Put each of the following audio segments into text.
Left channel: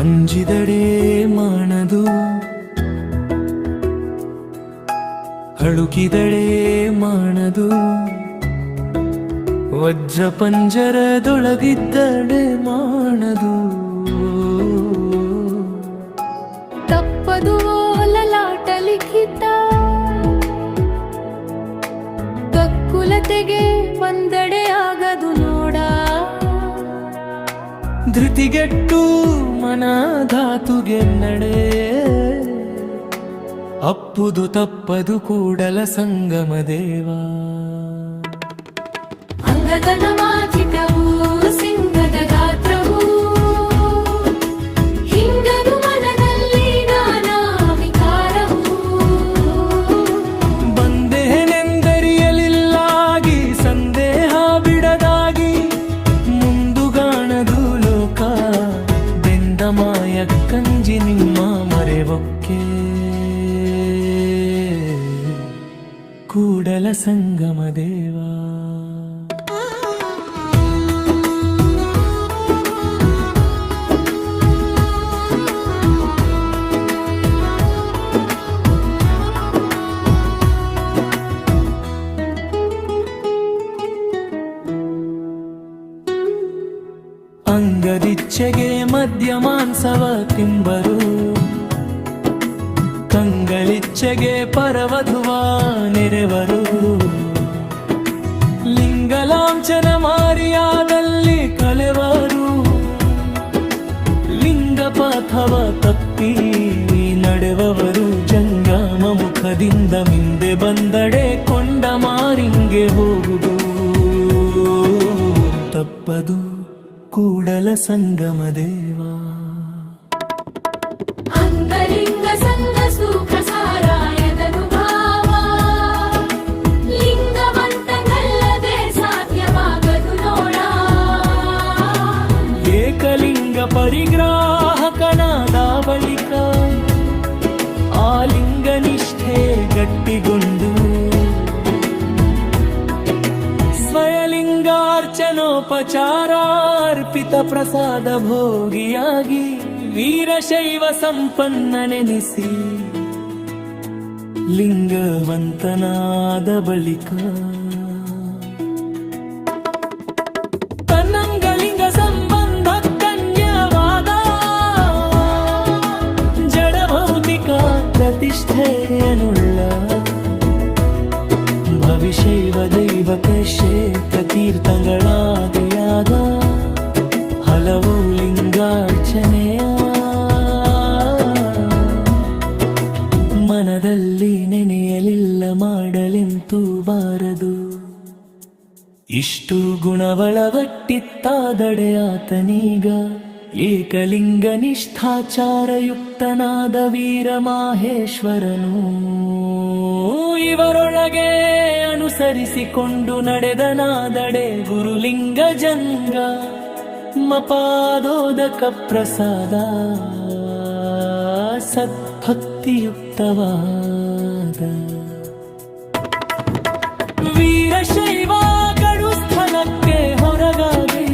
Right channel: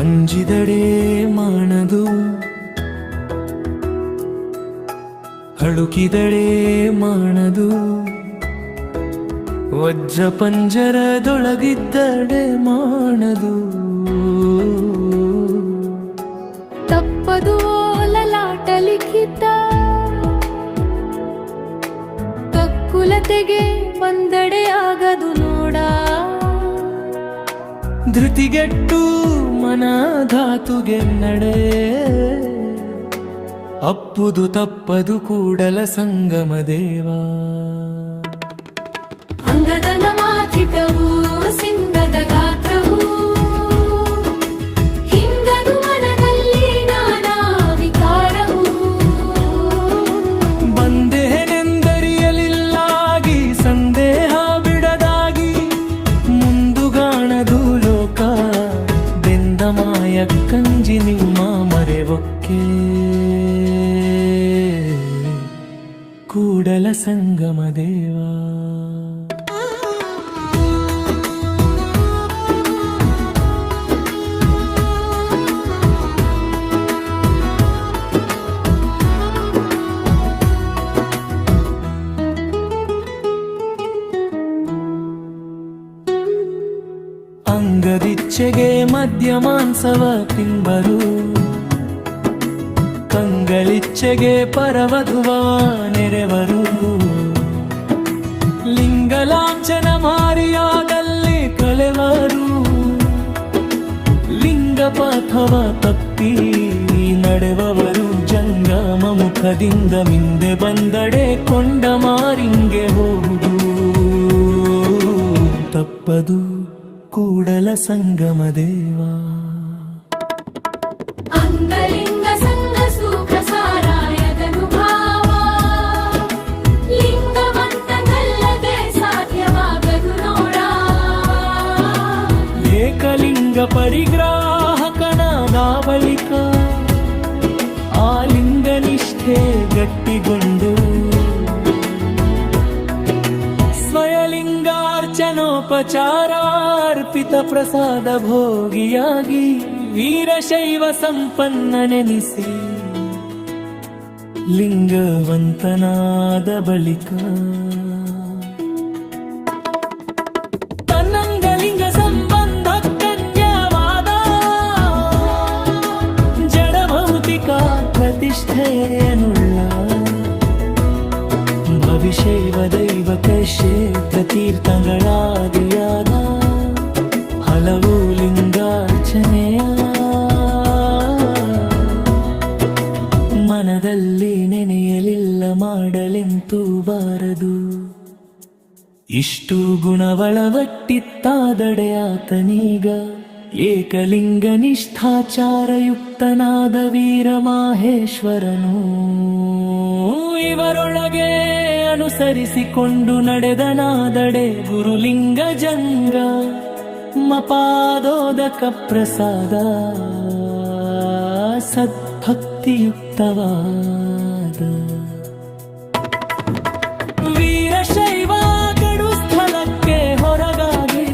ಅಂಜಿದಡೆ ಮಾಡದು, ಅಳುಕಿದಡೆ ಮಾಡದು, ವಜ್ರ ಪಂಜರದೊಳಗಿದ್ದಡೆ ಮಾಡದು. ತಪ್ಪದು ಲಲಾಟ ಲಿಖಿತ, ಕಕ್ಕುಲತೆಗೆ ಬಂದಡೆ ಆಗದು ನೋಡ. ಧೃತಿಗೆಟ್ಟು ಮನ ಧಾತುಗೆ ನಡೆ, ಅಪ್ಪುದು ತಪ್ಪದು ಕೂಡಲ ಸಂಗಮ ದೇವ. ಅಂಗದನ ಮಾಚಿಟವು ಸಿಂಗದ ಗಾತ್ರವು, ಹಿಂಗದು ಮನದಲ್ಲಿ ನಾನಾ ವಿಕಾರವು. ಬಂದೇನೆಂದರಿಯಲಿಲ್ಲಾಗಿ ಸಂದೇಹ ಬಿಡದಾಗಿ, ಮುಂದುಗಾಣದು ಲೋಕ ಬೆಂದ ಮಾಯ ಕಂಜಿ ನಿಮ್ಮ ಮರೆವೊಕ್ಕೆ. ಕೂಡಲ ಸಂಗಮ ದೇವ. ಅಂಗದಿಚ್ಛೆಗೆ ಮದ್ಯ ಮಾಂಸವ ತಿಂಬರು, ಕಂಗಳಿಚ್ಛೆಗೆ ಪರವಧುವ ನೆರೆವರು. ಲಿಂಗಲಾಂಛನ ಮಾರಿಯಾದಲ್ಲಿ ಕಳೆವರು, ಲಿಂಗಪಥವ ತಪ್ಪಿ ನಡೆವವರು. ಜಂಗಮ ಮುಖದಿಂದ ಮಿಂದೆ ಬಂದಡೆ ಕೊಂಡ ಮಾರಿಂಗೆ ಹೋಗುದು, ತಪ್ಪದು ಕೂಡಲ ಸಂಗಮ ದೇವ. ಅಂಗಲಿಂಗ ಸಂಗ ಸುಪ್ರಸಾರಾಯದನು ಭಾವ, ಲಿಂಗವಂತನಲ್ಲದೆ ಸಾಧ್ಯವಾಗದು ನೋಡ. ಏಕಲಿಂಗ ಪರಿಗ್ರಾಹಕನಾದ ಬಳಿಕ ಆ ಲಿಂಗನಿಷ್ಠೆ ಗಟ್ಟಿಗೊಂಡು, ಸ್ವಯಲಿಂಗಾರ್ಚನೋಪಚಾರಾರ್ಪಿತ ಪ್ರಸಾದ ಭೋಗಿಯಾಗಿ ವೀರಶೈವ ಸಂಪನ್ನನೆನಿಸಿ ಲಿಂಗವಂತನಾದ ಬಳಿಕ ತನ್ನಂಗಲಿಂಗ ಸಂಬಂಧ ಕನ್ಯವಾದ ಜಡಭೌತಿಕ ಪ್ರತಿಷ್ಠೆಯನ್ನುಳ್ಳ ಭವಿಶೈವ ದೈವಕ ಕ್ಷೇತ್ರ ತೀರ್ಥಗಳಾದಿಯಾದ ಹಲವು ಲಿಂಗಾರ್ಚನೆಯ ಮನದಲ್ಲಿ ನೆನೆಯಲಿಲ್ಲ ಮಾಡಲೆಂತೂ ಬಾರದು. ಇಷ್ಟು ಗುಣವಳವಟ್ಟಿತ್ತಾದಡೆ ಆತನೀಗ ಏಕಲಿಂಗ ನಿಷ್ಠಾಚಾರಯುಕ್ತನಾದ ವೀರ ಮಾಹೇಶ್ವರನು. ಇವರೊಳಗೆ ಅನುಸರಿಸಿಕೊಂಡು ನಡೆದನಾದಡೆ ಗುರುಲಿಂಗ ಜಂಗ ಮಪಾದೋದಕ ಪ್ರಸಾದ ಸದ್ಭಕ್ತಿಯುಕ್ತವಾದ ವೀರಶೈವ ಕಡು ಸ್ಥಳಕ್ಕೆ ಹೊರಗಾಗಿ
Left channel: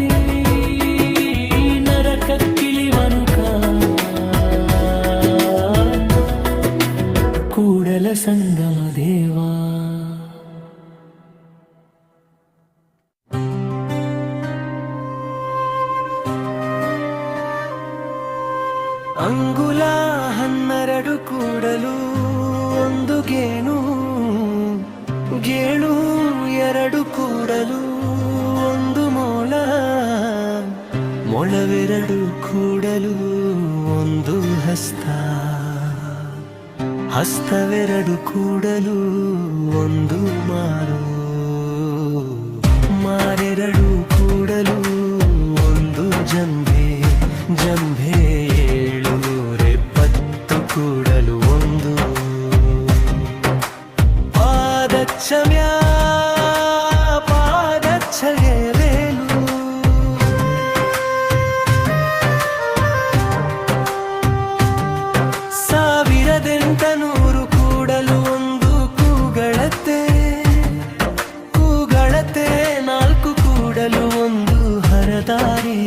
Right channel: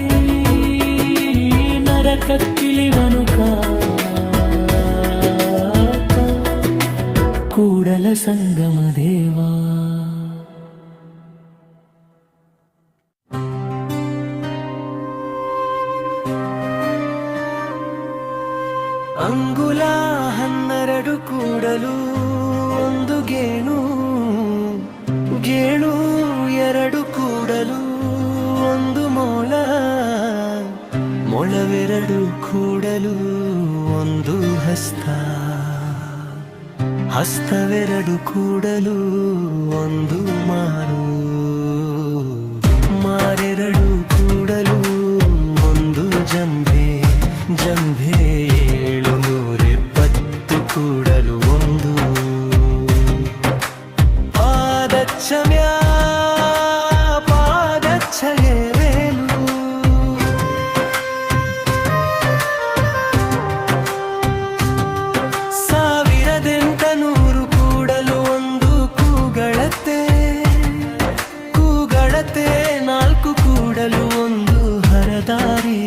ನರಕಕ್ಕಿಳಿವನು ಕೂಡಲ ಸಂಗಮ ದೇವ. ಅಂಗುಲ 12 ಕೂಡಲು ಒಂದು ಗೇಣು, ಗೇಣು 2 ಕೂಡಲು ಒಂದು ಮೊಳ, ಮೊಳವೆರಡು ಕೂಡಲು ಒಂದು ಹಸ್ತ, ಹಸ್ತವೆರಡು ಕೂಡಲು ಒಂದು ಮಾರು, ಮಾರೆರಡು ಕೂಡಲು ಒಂದು ಜಂಭೆ, ಜಂಭೆ 770 ಕೂಡಲು ಒಂದು ಪಾದಚ್ಛಮ್ಯ, ಪಾದಚ್ಛಗೆ ವೇಲು, 1800 ಕೂಡಲು ಒಂದು ಕೂಗಳತೆ, ಕೂಗಳತೆ 4 ಕೂಡಲು ಒಂದು ಹರದಾರಿ,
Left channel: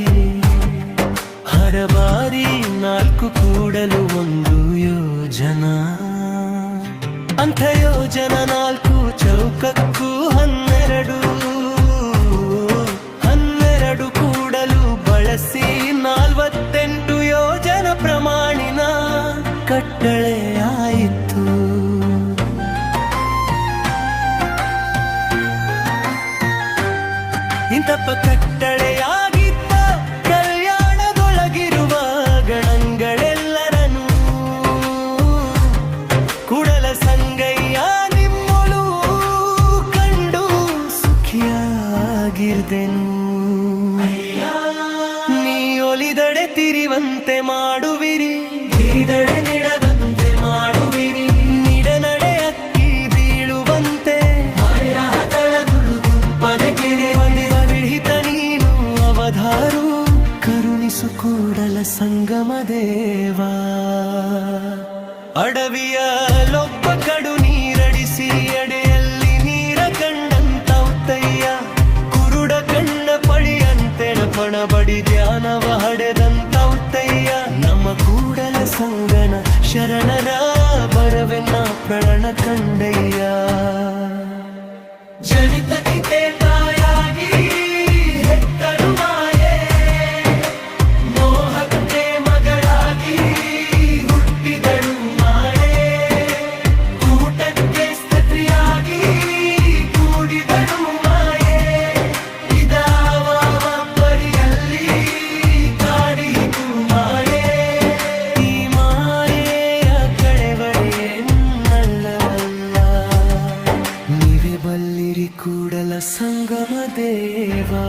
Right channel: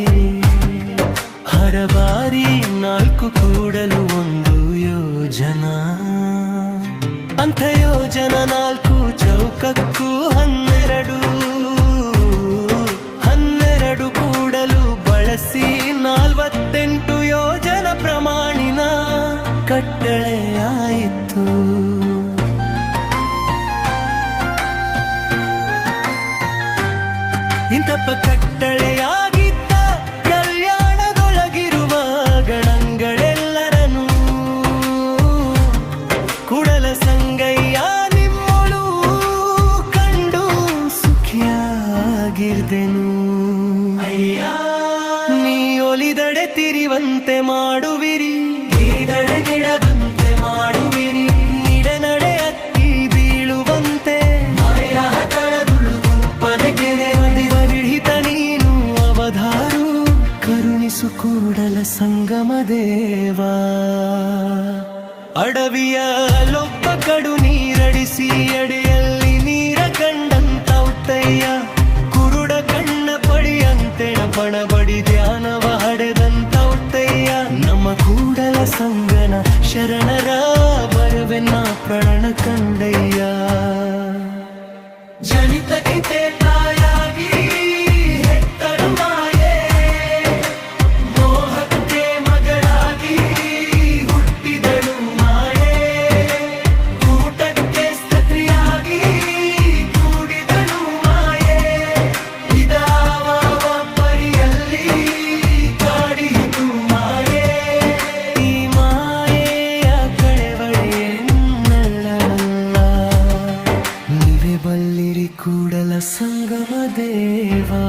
ಬರಬಾರಿ 4 ಕೂಡಲು 1 ಯೋಜನಾ ಅಂಥ ಯೋಜನಾ 4 ಚೌಕಕ್ಕೂ 12 ಕೂಡಲು ಬಳಸಿ 48 ಯೋಜನಾ ಪ್ರಮಾಣಿನ ಕಟ್ಟಳೆ ಆಯಿತು. ಇಂತಪ್ಪ ಕಟ್ಟಳೆಯಾಗಿದ್ದ ಕಲ್ಯಾಣದೊಳಗಿರುವ ಗಣಗಳೆಲ್ಲರನು ಕೂಡಲ ಸಂಗಯ್ಯ ನಿಮ್ಮೊಳು ಕಂಡು ಸುಖಿಯಾಗಿರ್ದೆನು. ನೀ ಒಲಿದಡೆ ತಿರಿವಂತೆ ಮಾಡುವಿರಿ, ಮಾಡುವಿರಿ ನಿಡನಡೆ ಅಕ್ಕಿ ಬೀಳುವಂತೆ ಬದಿಹಿತ ನೀನು ಅವಧಾರು ಕರುಣಿಸು ಕೂಡಲ ಸಂಗಮ ದೇವಾ. ಅಡವಿಯಲೊಬ್ಬ ಕಡು ನೀರಡಿಸಿ ಅಡೆಯಲ್ಲಿ ನೀರ ಕಂಡಂತೌತಯ್ಯ ಕುರುಡ ಕಣ್ಣ ಪಡಿಯಂತೆಣ ಪಣ ಬಡಿ ಧ್ಯಾನವ ಹಡೆದಂತೌತಯ್ಯ. ನಮ್ಮ ಕೂಡಲ ಸಂಗನ ಶರಣರ ಬರವೆನ್ನ ಪ್ರಣ ಕಂಡಯ್ಯ. ಜನಿತಕ್ಕೆ ತಾಯಾಗಿ ಹೆತ್ತಳು ಮಾಯೆ, ಮೋಹಕ್ಕೆ ಮಗಳಾಗಿ ಹುಟ್ಟಿದಳು ಮಾಯೆ, ಕೂಟಕ್ಕೆ ಸ್ತ್ರೀಯಾಗಿ ಕೂಡಿದಳು ಮಾಯೆ, ಇದಾವ ಪರಿಯಲ್ಲಿ ಕಾಡಿತು ಮಾಯೆ. ಈ ಮಾಯೆಯ ಕಳೆವಡೆಯನ್ನಲ್ಲವಲ್ಲ, ನೀವೇ ಬಲ್ಲಿರಿ ಕೂಡಲ ಸಂಗಮ ದೇವಾ.